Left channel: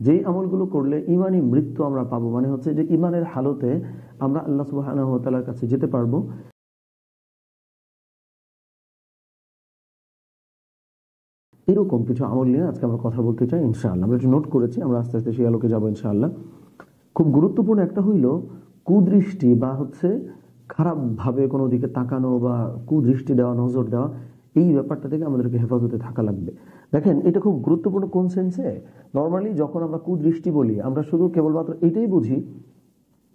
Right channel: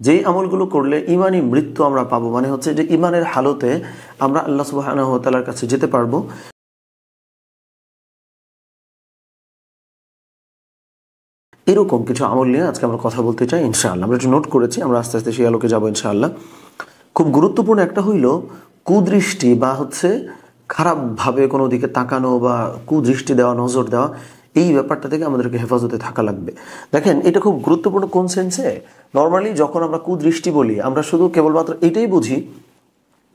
যেই আমলগুলো করলে ইমানি মৃত্যু আমরা পাবো, মানে হচ্ছে যে ইমানের হালতে আমরা আল্লাহ সুবহানাহু ওয়া তাআলার কাছে যেতে পারবো, এরকম কিছু আমল নিয়ে আজকে আমরা কথা বলতে চাই ইনশাআল্লাহ। আমরা একটু নোট করেছি, আমরা আস্তে আস্তে সেই আলোকে যাবো ইনশাআল্লাহ। খুব গুরুত্বপূর্ণ একটা হইল কুদৃষ্টি বা হচ্ছে খারাপভাবে কোনো দিকে তাকানো বা কুদৃষ্টি দেওয়া, নজর দেওয়া, এই ব্যাপারটা থেকে আমাদেরকে হেফাজতে থাকা লাগবে। দেখেন এটা খুব গুরুত্বপূর্ণ কোন সেন্সে, নর্মালি যখন আমরা কুদৃষ্টি বলি আমরা শুধু কেবলমাত্র এটাই বুঝি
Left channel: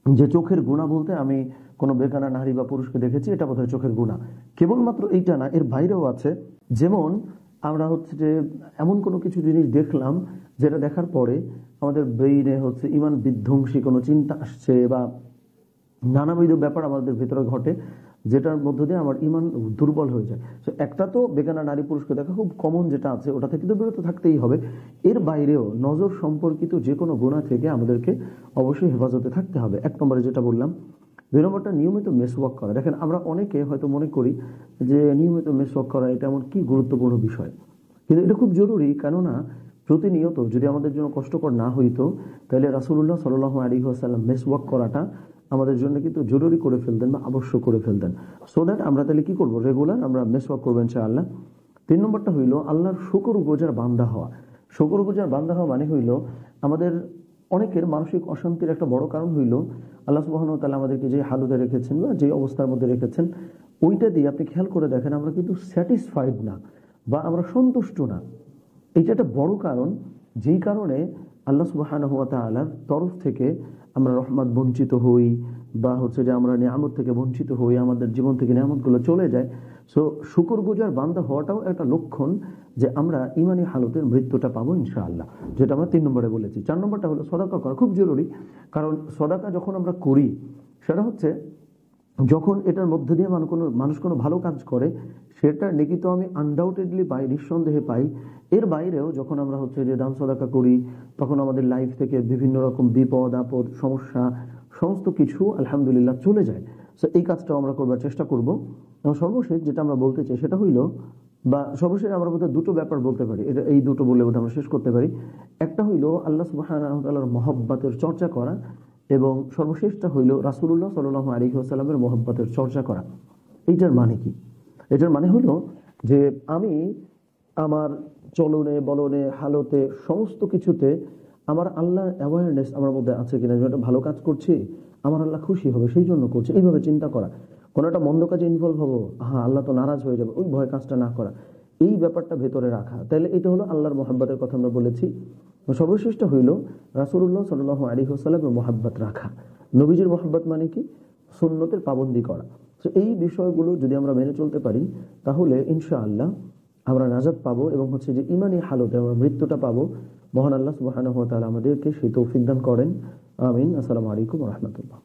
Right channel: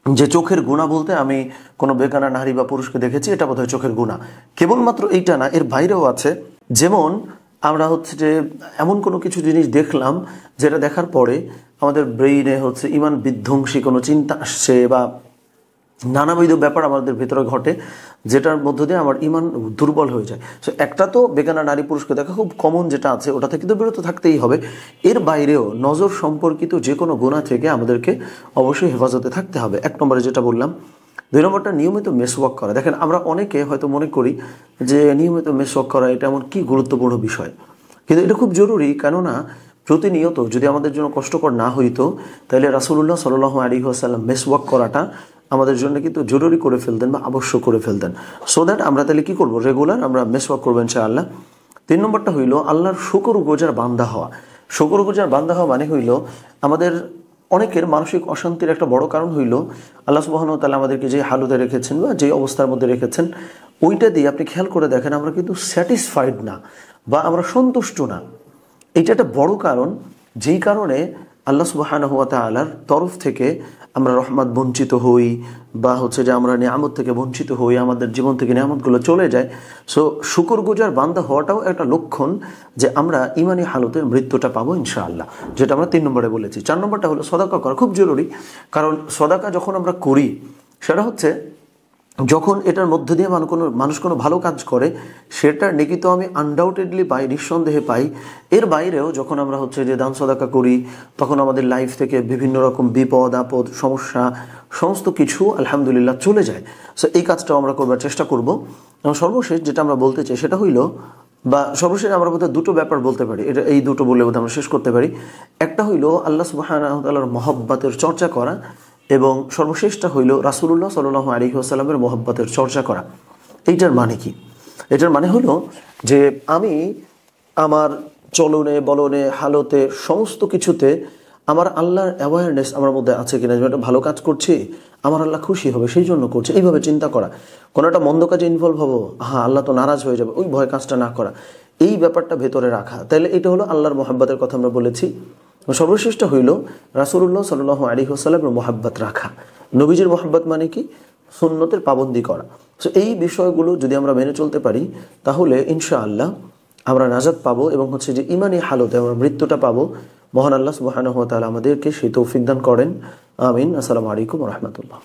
যে চোখের গুণা বলতে আমি কোনো বেগানা নারী বা পুরুষকে দেখেছি, এটা বোধহয় চোখের গুণা। কেবলমাত্র এইটা না, এর বাইরেও আছে। যেমন আমরা হচ্ছে যে এমন কোনো কিছু জিনিস দেখলাম যেটা দেখার পরে আমাদের ব্রেইনে হচ্ছে ইমান বিধ্বংসী কোনো চিন্তা আসছে বা নানাবিধ ব্যাপার আমাদের ভেতরে ঘটে, যেটার মধ্য দিয়ে আমার ইমান দুর্বল হয়ে যায়। সো একটা তো বেগানা নারী পুরুষকে দেখা খুব কমন যেটা আছে, ওটা থেকে তো বিরত থাকতেই হবে। এর বাইরেও নজর সম্পর্কিত যে কোনো গুনাহ থেকে আমাদেরকে অবশ্যই হেফাজতে থাকতে হবে, এক নম্বরে যেটা বললাম। দুই নম্বরটা নিয়মিত মেসওয়াক করা। দেখেন আমরা অনেকে হয়তো মনে করি যে নিয়মিত মেসওয়াক করা এটা এমন কি গুরুত্বপূর্ণ বিষয়, কিন্তু এটা খুব জরুরি। কেননা প্রতিনিয়ত যদি আমাদের জন্য কষ্টকর না হইতো তাহলে রাসূলুল্লাহ সাল্লাল্লাহু আলাইহি ওয়াসাল্লাম মেসওয়াক করাটা আমাদের জন্য কিন্তু জরুরি করে ফেলতেন বা আবশ্যক করে ফেলতেন। সো দ্যাট আমরা তাহলে কী করবো, রেগুলার আমরা মেসওয়াক করবো ইনশাআল্লাহ। তিন নম্বরটা হইল আল্লাহর শুকরগুজার বান্দা হওয়া। শুকরগুজার বান্দা হওয়া মানে হইল আমাদের অনেকের মানসিক অশান্তির একটা বড় কারণ হইল আল্লাহ সুবহানাহু ওয়া তাআলা আমাদেরকে যে হালতে রেখেছেন বা যে অবস্থার মধ্যে রেখেছেন, ওইটা দিয়ে আপনি খেয়াল করে দেখেন আমরা কিন্তু স্যাটিসফাইড না বা আমরা সন্তুষ্ট না। এটা একটা বড় কারণ, যেই কারণে আল্লাহ সুবহানাহু ওয়া তাআলার তরফ থেকে আমরা রহমত বঞ্চিত হই বা হচ্ছে যে আমরা নিয়ামত থেকে বঞ্চিত হই, আমাদের জীবন থেকে নিয়ামতগুলো চলে যায়। সো শুকরগুজার বান্দা হওয়াটাও একটা লক্ষণ যে আমরা ইমানি হালতের মৃত্যুটা পাবো ইনশাআল্লাহ, যেটা আমরা 3 নম্বরে বলেছি। 4 নম্বরটা হলো সদাকা করা, খুব জরুরি। কারণ সদাকা যখন আমরা করি সেটা হচ্ছে যখন এটার মধ্য দিয়ে মানুষ কোনো ভালো কাজ করে সেটার নেকি তো আমি আনডাউটেডলি পাই, নিঃসন্দেহে পাই। এর বাইরেও যখন আমরা হচ্ছে যে দান সদাকা করি তখন আমাদের লাইফ থেকে বিভিন্ন রকম বিপদ আপদ সমস্যা সমস্ত কিছু আলহামদুলিল্লাহ চলে যায়। সো এই কাজটাও আমরা করবার চেষ্টা করব। এবং সর্বশেষ যেটা আমরা বলতে চাই সেটা হইল, বা সর্বশেষ আমরা বোধহয় দুটো ব্যাপার বলতে পারি, এটা এই দুটো বলে বোধহয় আমরা শেষ করতে পারি। একটা হইল আল্লাহ সুবহানাহু ওয়া তাআলার মহব্বতের চর্চা করা, এবং সর্বশেষটা হইল রাসূলুল্লাহ সাল্লাল্লাহু আলাইহি ওয়াসাল্লামের মহব্বতের চর্চা করা। এইটার মানে কি? এটার মানে হলো যে আমি আমার চলনে বলনে হালতে সমস্ত কিছুতে আমার আল্লাহর অ্যাওয়ারনেস আমার মধ্যে আছে কিনা, যে একটা ভালো কাজ করছি আমার আল্লাহ খুশি হবে সেই জন্য করছে, এইভাবে চিন্তা করা। কোনো একটা মন্দ কাজে ইনভলভ হবো, হ্যাঁ আল্লাহ তো নারাজ হয়ে যাবে, ওই ভয় কাজটা না করা, এই ব্যাপারটা ভেতরে রাখা। তাহলে এটা হলো আল্লাহর মহব্বতের কথা আমরা বলেছি। সর্বশ্রেষ্ঠ হইল রাসূলুল্লাহ সাল্লাল্লাহু আলাইহি ওয়াসাল্লামের মহব্বত রাখা। নবীজির মহব্বত মানে কি? সুন্নতের পাবন্দি করা। সো এই বিষয়গুলো যদি আমরা মেনে চলতে পারি তাহলে ইনশাআল্লাহ আমরা নাজাত পাবো এবং হচ্ছে যে ইমানি হালতে আমরা মৃত্যুটা পাবো। মহান আল্লাহ সুবহানাহু ওয়া তাআলা আমাদেরকে সেই তৌফিক দান করেন। আমিন। আসসালামু আলাইকুম ওয়া রাহমাতুল্লাহ।